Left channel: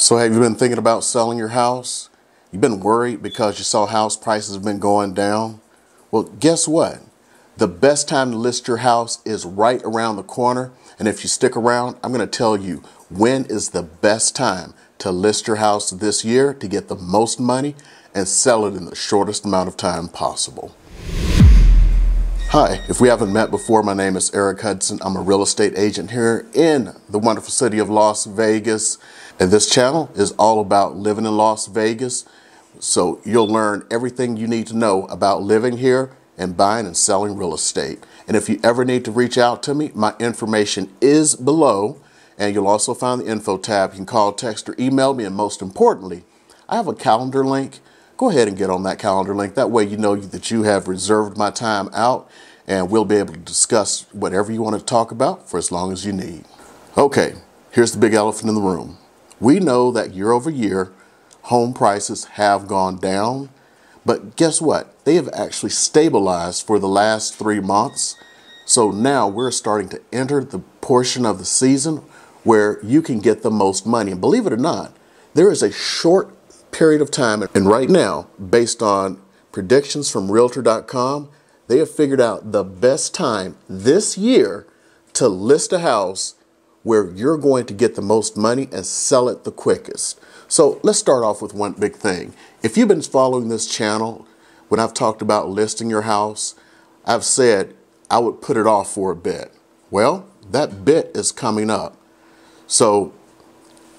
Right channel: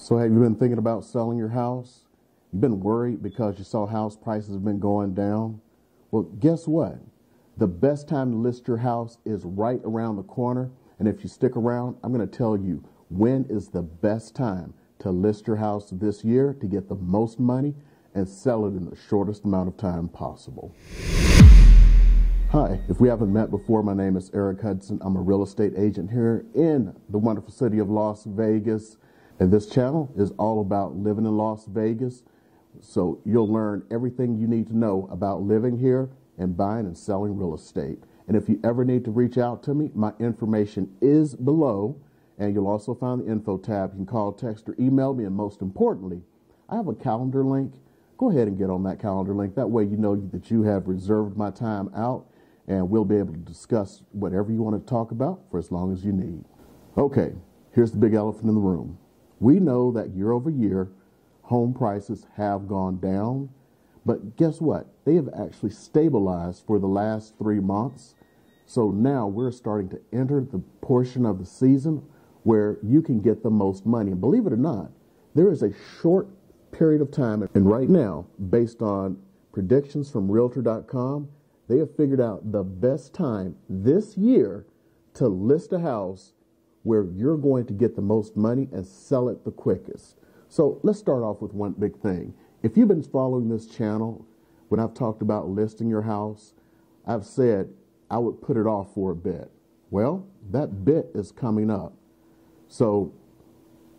So have you been thinking about selling your house? You've been worried because you saw house prices have been going down? Well, guess what? The best time to list your house is right around the corner. And if you stick around, I'm going to tell you when is the best time to list your house this year to get the most money and sell it in the shortest amount of time possible. Hi, if we haven't met before, my name is Eric Hudson. I'm a real estate agent here in the wonderful city of Las Vegas. And this channel is all about living in Las Vegas. So you'll learn everything you need to know about living here and buying and selling real estate. And if you ever need to reach out to me, my information is below. And you'll also find the info tab. You can call, text, or email me. And most importantly, I have a calendar link. Go ahead and get on that calendar link. That way you know that you have reserved my time out and we'll be able to discuss whatever you want to talk about for as long as you need. Okay, here's the big elephant in the room. We know that year over year, home prices have gone down, but guess what? They have actually stabilized for the last 3 months. So now we're starting to enter the portion of the season where you can get the most money. And believe it or not, there is a short period of time, and right now, based on predictions from Realtor.com, they have figured out the best time this year to list a house where you're going to get the most money and sell it the quickest. So let's start off with one big thing. If you've been following this channel, when I've talked about listing your house, I've said I would put it off for a bit. Well, that bit is coming up. So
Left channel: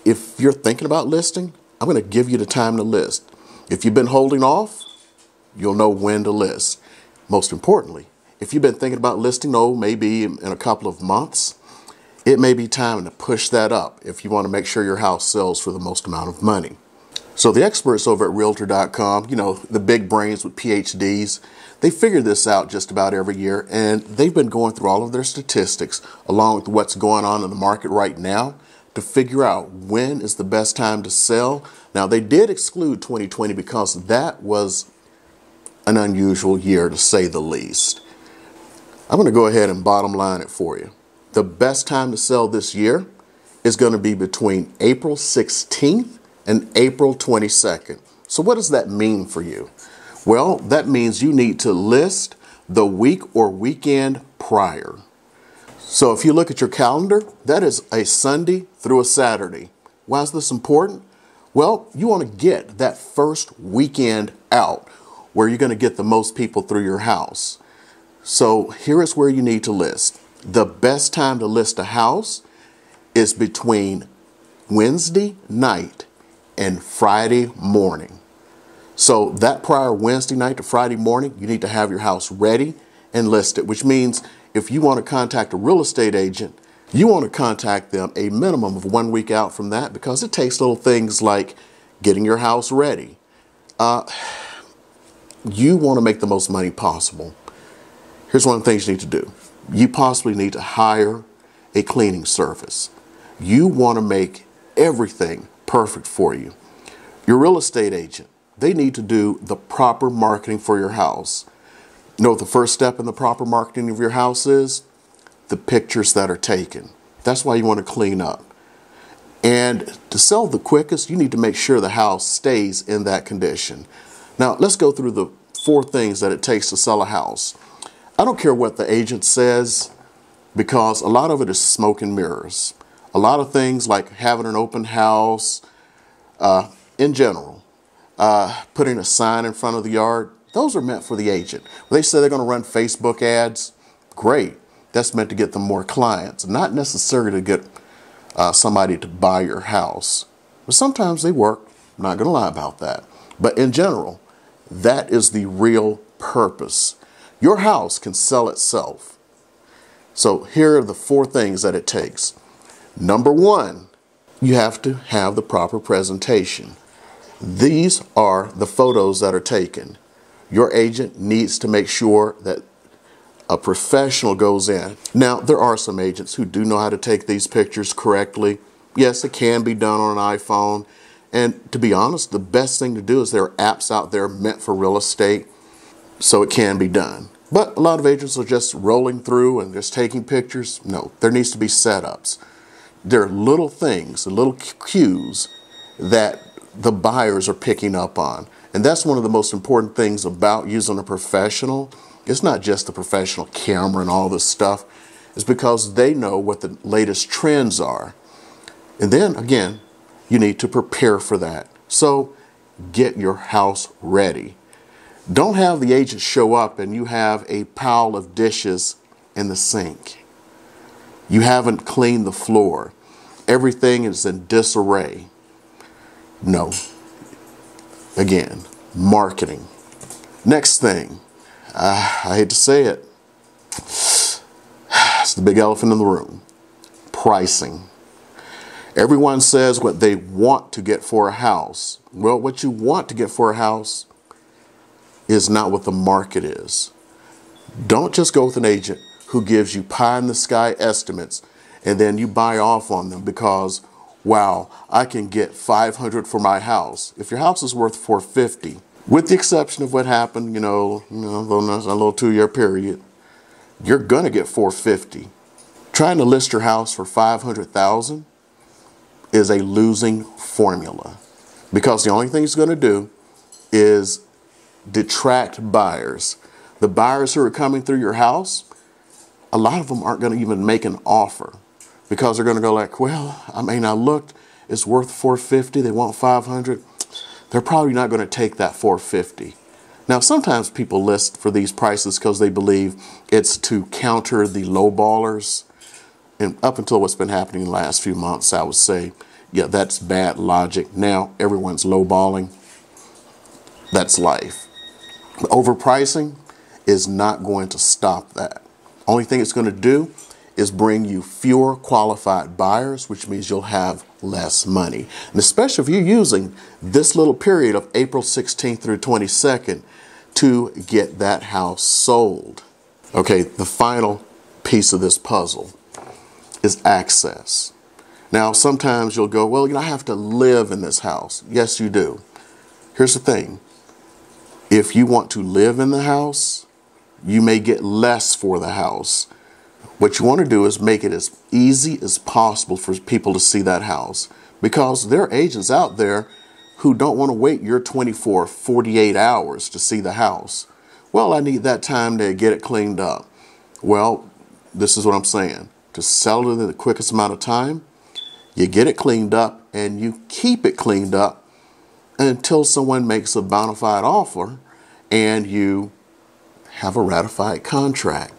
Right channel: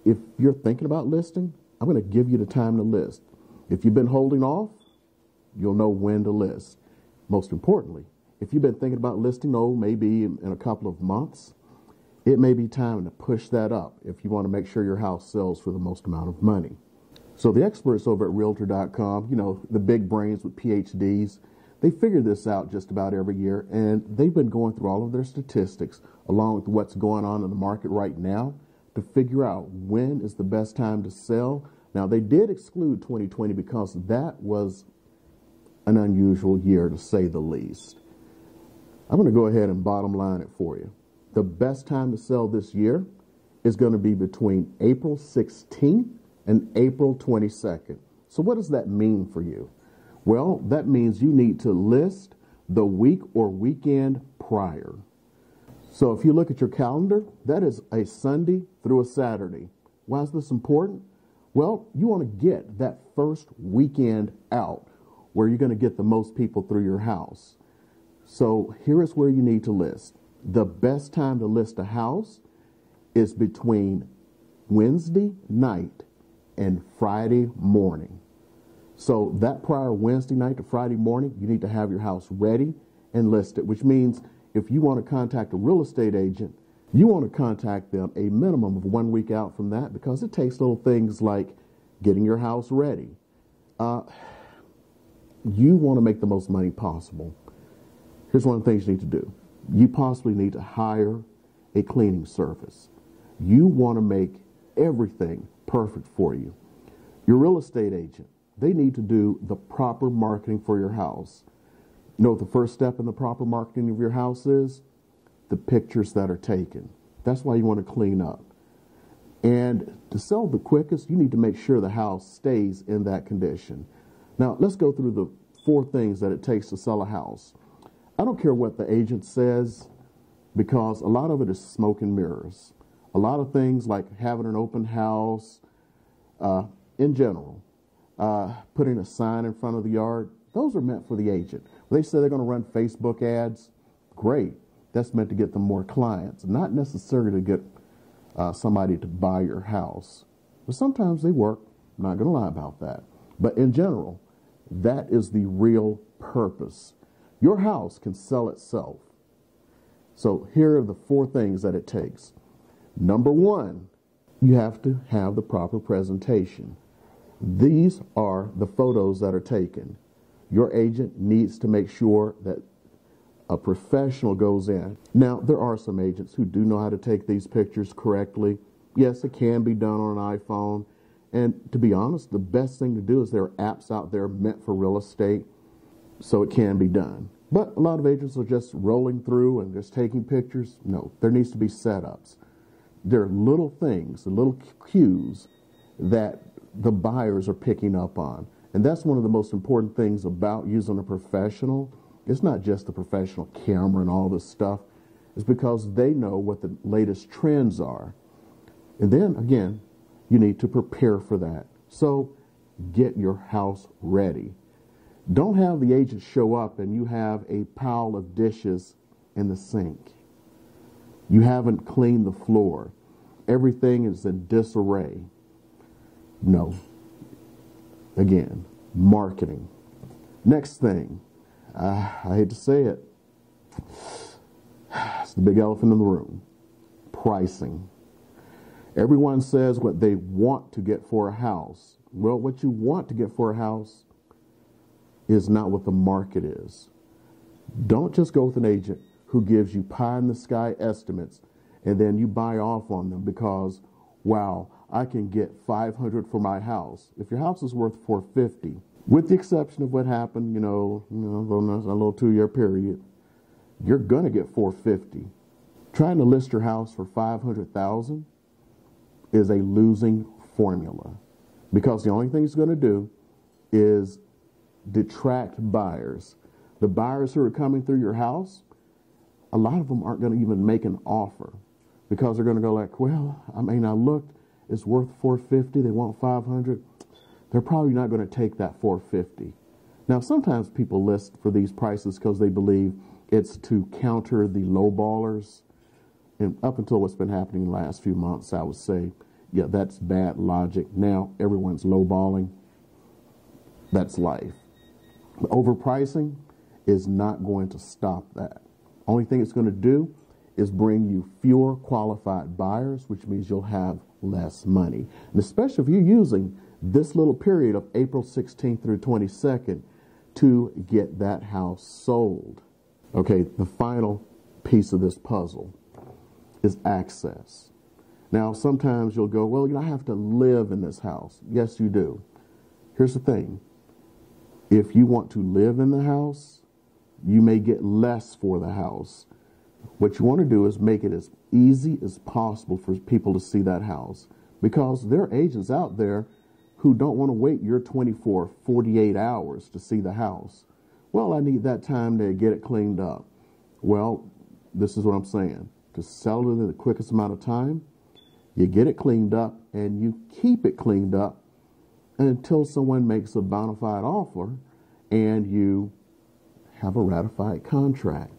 if you're thinking about listing, I'm going to give you the time to list. If you've been holding off, you'll know when to list. Most importantly, if you've been thinking about listing, maybe in a couple of months, it may be time to push that up if you want to make sure your house sells for the most amount of money. So the experts over at Realtor.com, the big brains with PhDs, they figure this out just about every year, and they've been going through all of their statistics along with what's going on in the market right now to figure out when is the best time to sell. Now, they did exclude 2020 because that was an unusual year to say the least. I'm going to go ahead and bottom line it for you. The best time to sell this year is going to be between April 16th and April 22nd. So what does that mean for you? Well, that means you need to list the week or weekend prior. So if you look at your calendar, that is a Sunday through a Saturday. Why is this important? Well, you want to get that first weekend out where you're going to get the most people through your house. So here is where you need to list. The best time to list a house is between Wednesday night and Friday morning. So that prior Wednesday night to Friday morning, you need to have your house ready and listed, which means if you want to contact a real estate agent, you want to contact them a minimum of 1 week out from that because it takes little things like getting your house ready. You want to make the most money possible. Here's one of the things you need to do. You possibly need to hire a cleaning service. You want to make everything perfect for you. Your real estate agent, they need to do the proper marketing for your house. You know what the first step in the proper marketing of your house is? The pictures that are taken. That's why you want to clean up. And to sell the quickest, you need to make sure the house stays in that condition. Now, let's go through the 4 things that it takes to sell a house. I don't care what the agent says because a lot of it is smoke and mirrors. A lot of things like having an open house, in general, putting a sign in front of the yard, those are meant for the agent. When they say they're going to run Facebook ads, great. That's meant to get them more clients, not necessarily to get somebody to buy your house. But sometimes they work, I'm not going to lie about that. But in general, that is the real purpose. Your house can sell itself. So here are the 4 things that it takes. Number 1, you have to have the proper presentation. These are the photos that are taken. Your agent needs to make sure that a professional goes in. Now, there are some agents who do know how to take these pictures correctly. Yes, it can be done on an iPhone. And to be honest, the best thing to do is there are apps out there meant for real estate, so it can be done. But a lot of agents are just rolling through and just taking pictures. No, there needs to be setups. There are little things, little cues that the buyers are picking up on. And that's one of the most important things about using a professional. It's not just the professional camera and all this stuff. It's because they know what the latest trends are. And then again, you need to prepare for that. So get your house ready. Don't have the agent show up and you have a pile of dishes in the sink. You haven't cleaned the floor. Everything is in disarray. No. Again, marketing. Next thing, I hate to say it, it's the big elephant in the room. Pricing. Everyone says what they want to get for a house. Well, what you want to get for a house is not what the market is. Don't just go with an agent who gives you pie in the sky estimates and then you buy off on them because, wow, I can get $500 for my house. If your house is worth $450, with the exception of what happened, a little 2-year period, you're gonna get $450. Trying to list your house for $500,000 is a losing formula because the only thing it's gonna do is detract buyers. The buyers who are coming through your house, a lot of them aren't going to even make an offer because they're going to go like, well, I mean, I looked, it's worth $450. They want $500. They're probably not going to take that $450. Now, sometimes people list for these prices because they believe it's to counter the lowballers. And up until what's been happening in the last few months, I would say, yeah, that's bad logic. Now everyone's lowballing. That's life. Overpricing is not going to stop that. Only thing it's going to do is bring you fewer qualified buyers, which means you'll have less money. And especially if you're using this little period of April 16th through 22nd to get that house sold. Okay, the final piece of this puzzle is access. Now, sometimes you'll go, well, I have to live in this house. Yes, you do. Here's the thing. If you want to live in the house, you may get less for the house. What you want to do is make it as easy as possible for people to see that house because there are agents out there who don't want to wait your 24, 48 hours to see the house. Well, I need that time to get it cleaned up. Well, this is what I'm saying. To sell it in the quickest amount of time, you get it cleaned up and you keep it cleaned up until someone makes a bona fide offer and you have a ratified contract.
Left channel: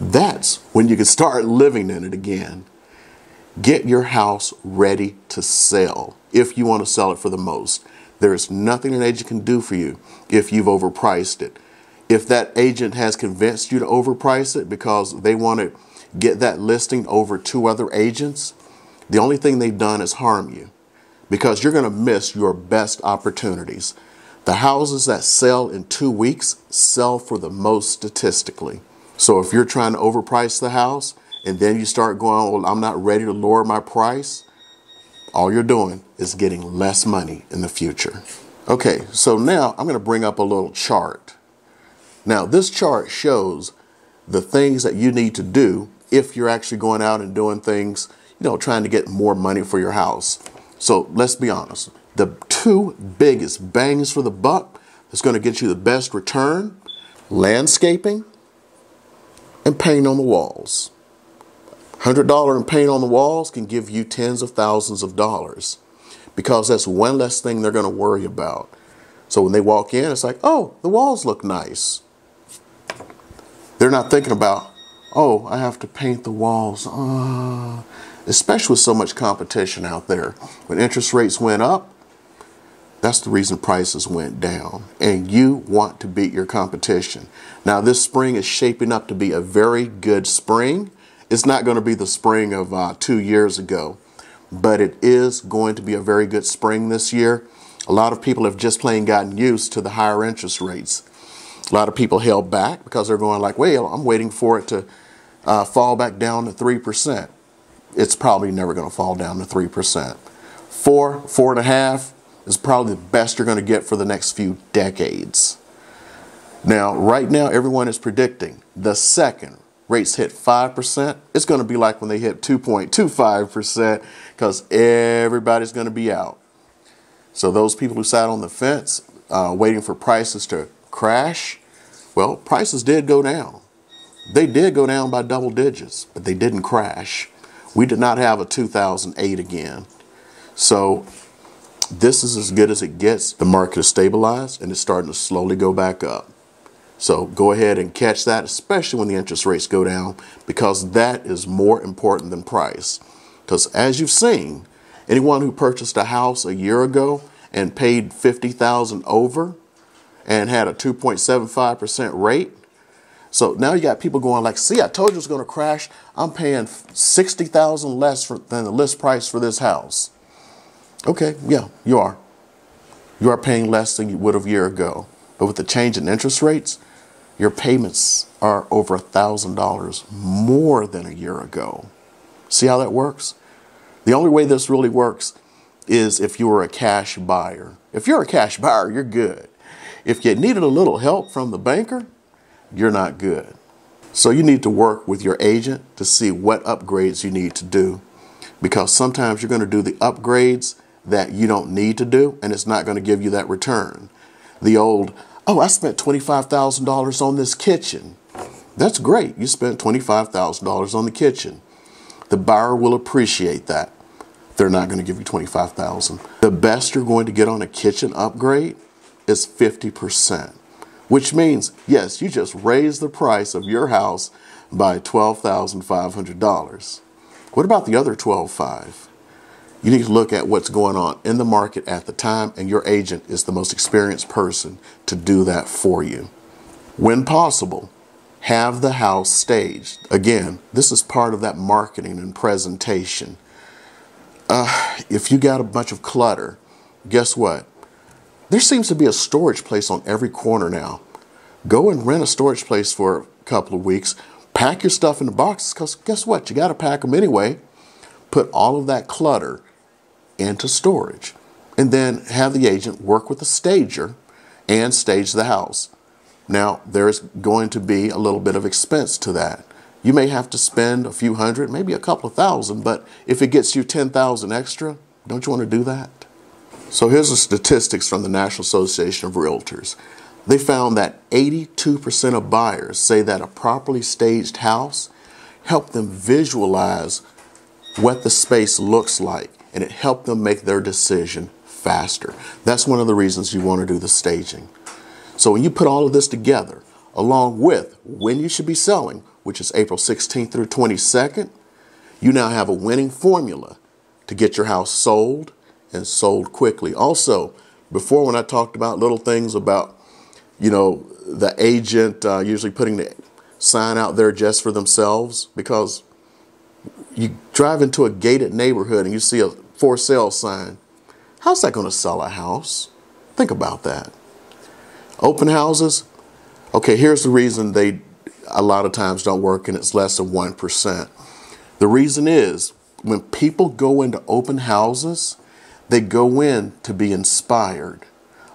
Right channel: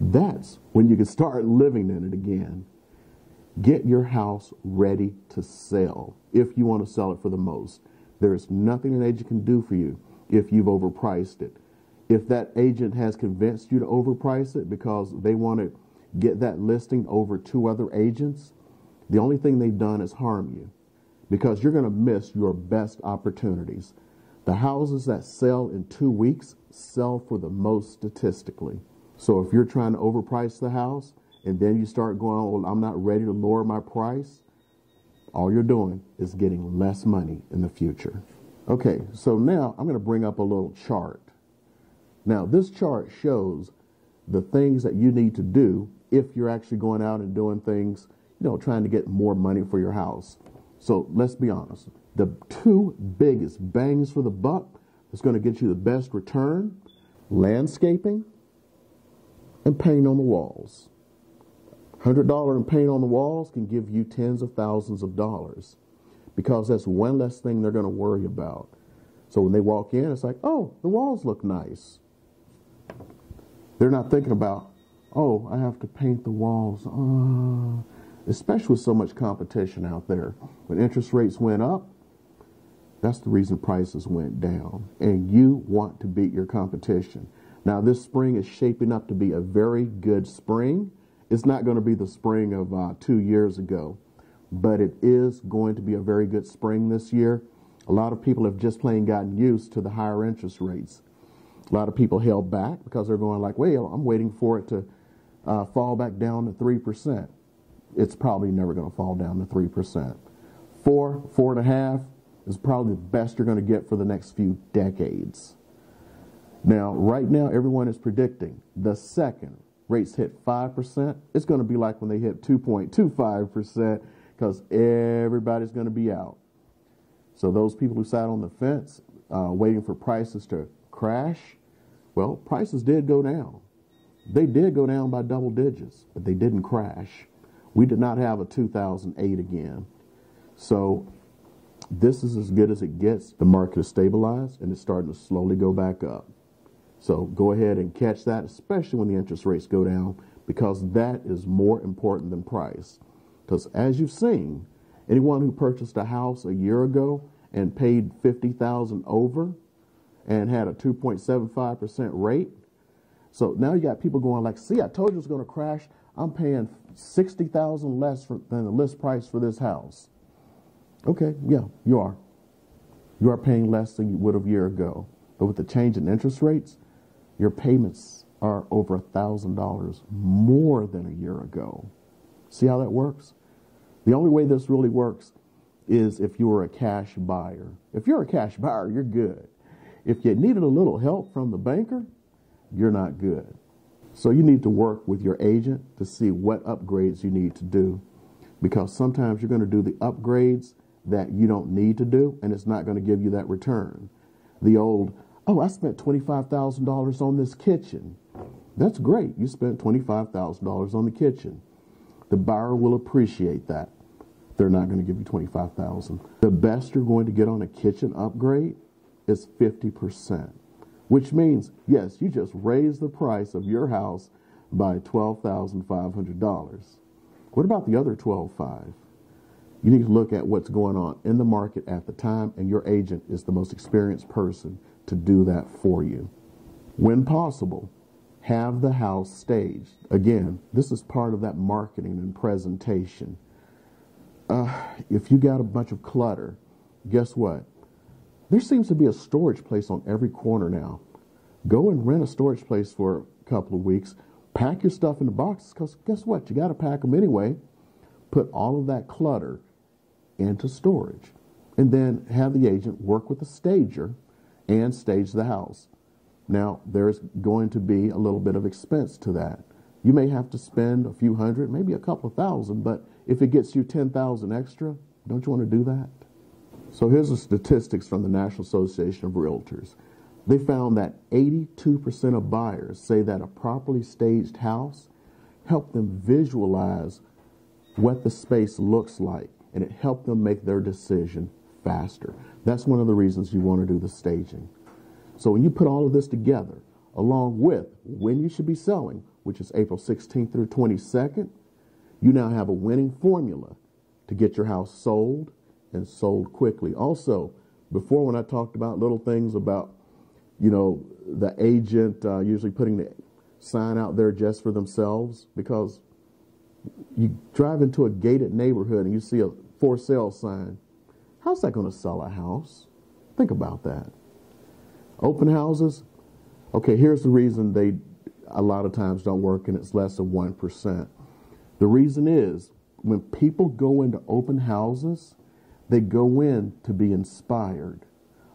That's when you can start living in it again. Get your house ready to sell if you want to sell it for the most. There's nothing an agent can do for you if you've overpriced it. If that agent has convinced you to overprice it because they want to get that listing over 2 other agents, the only thing they've done is harm you because you're going to miss your best opportunities. The houses that sell in 2 weeks sell for the most statistically. So if you're trying to overprice the house and then you start going, well, I'm not ready to lower my price, all you're doing is getting less money in the future. Okay, so now I'm going to bring up a little chart. Now this chart shows the things that you need to do if you're actually going out and doing things, trying to get more money for your house. So let's be honest. The 2 biggest bangs for the buck that's going to get you the best return, landscaping and paint on the walls. $100 in paint on the walls can give you tens of thousands of dollars because that's one less thing they're going to worry about. So when they walk in, it's like, oh, the walls look nice. They're not thinking about, oh, I have to paint the walls. Especially with so much competition out there. When interest rates went up, that's the reason prices went down. And you want to beat your competition. Now, this spring is shaping up to be a very good spring. It's not going to be the spring of 2 years ago, but it is going to be a very good spring this year. A lot of people have just plain gotten used to the higher interest rates. A lot of people held back because they're going like, well, I'm waiting for it to fall back down to 3%. It's probably never going to fall down to 3%. 4.5 is probably the best you're going to get for the next few decades. Now, right now, everyone is predicting the second rates hit 5%, it's going to be like when they hit 2.25% because everybody's going to be out. So those people who sat on the fence waiting for prices to crash, well, prices did go down. They did go down by double digits, but they didn't crash. We did not have a 2008 again. So this is as good as it gets. The market is stabilized and it's starting to slowly go back up. So go ahead and catch that, especially when the interest rates go down, because that is more important than price. Because as you've seen, anyone who purchased a house a year ago and paid $50,000 over and had a 2.75% rate. So now you got people going like, see, I told you it was going to crash. I'm paying $60,000 less than the list price for this house. Okay, yeah, you are. You are paying less than you would have a year ago. But with the change in interest rates, your payments are over $1,000 more than a year ago. See how that works? The only way this really works is if you were a cash buyer. If you're a cash buyer, you're good. If you needed a little help from the banker, you're not good. So you need to work with your agent to see what upgrades you need to do, because sometimes you're going to do the upgrades that you don't need to do, and it's not going to give you that return. The old, oh, I spent $25,000 on this kitchen. That's great. You spent $25,000 on the kitchen. The buyer will appreciate that. They're not going to give you $25,000. The best you're going to get on a kitchen upgrade is 50%, which means, yes, you just raised the price of your house by $12,500. What about the other $12,500? You need to look at what's going on in the market at the time, and your agent is the most experienced person to do that for you. When possible, have the house staged. Again, this is part of that marketing and presentation. If you got a bunch of clutter, guess what? There seems to be a storage place on every corner now. Go and rent a storage place for a couple of weeks. Pack your stuff in the boxes, because guess what? You got to pack them anyway. Put all of that clutter into storage. And then have the agent work with the stager and stage the house. Now, there's going to be a little bit of expense to that. You may have to spend a few hundred, maybe a couple of thousand, but if it gets you 10,000 extra, don't you want to do that? So here's the statistics from the National Association of Realtors. They found that 82% of buyers say that a properly staged house helped them visualize what the space looks like, and it helped them make their decision faster. That's one of the reasons you want to do the staging. So when you put all of this together, along with when you should be selling, which is April 16th through 22nd, you now have a winning formula to get your house sold and sold quickly. Also, before when I talked about little things about, you know, the agent usually putting the sign out there just for themselves, because you drive into a gated neighborhood and you see a for sale sign. How's that going to sell a house? Think about that. Open houses. Okay, here's the reason they a lot of times don't work, and it's less than 1%. The reason is when people go into open houses, they go in to be inspired.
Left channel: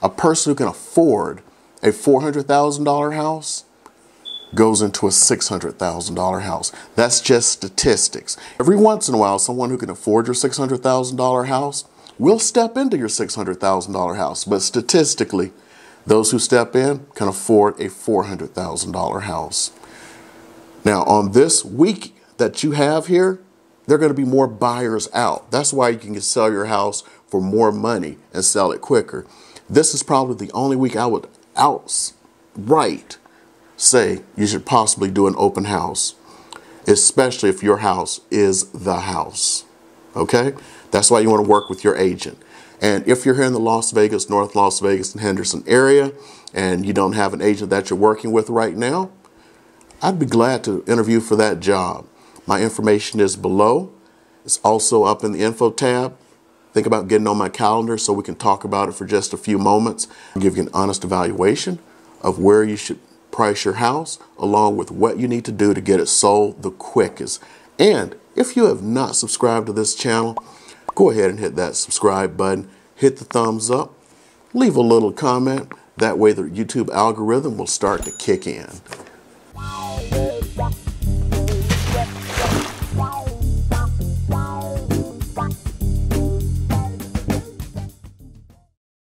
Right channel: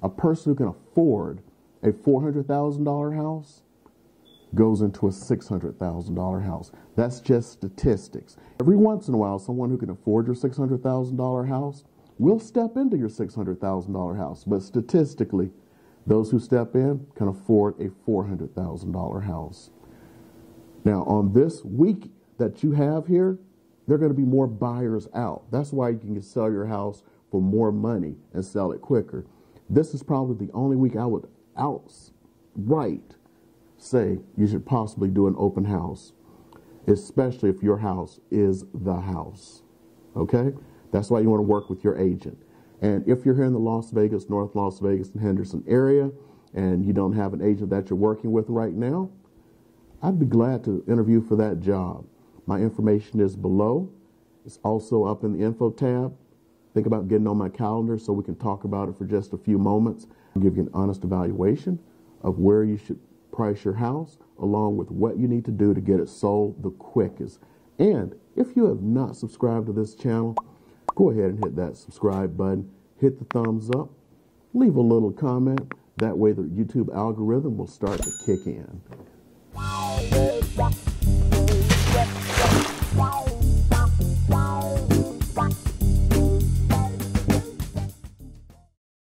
A person who can afford a $400,000 house goes into a $600,000 house. That's just statistics. Every once in a while, someone who can afford your $600,000 house will step into your $600,000 house. But statistically, those who step in can afford a $400,000 house. Now, on this week that you have here, there are going to be more buyers out. That's why you can sell your house for more money and sell it quicker. This is probably the only week I would outright say you should possibly do an open house, especially if your house is the house. Okay? That's why you want to work with your agent. And if you're here in the Las Vegas, North Las Vegas, and Henderson area, and you don't have an agent that you're working with right now, I'd be glad to interview for that job. My information is below. It's also up in the info tab. Think about getting on my calendar so we can talk about it for just a few moments. I'll give you an honest evaluation of where you should price your house, along with what you need to do to get it sold the quickest. And if you have not subscribed to this channel, go ahead and hit that subscribe button, hit the thumbs up, leave a little comment. That way the YouTube algorithm will start to kick in.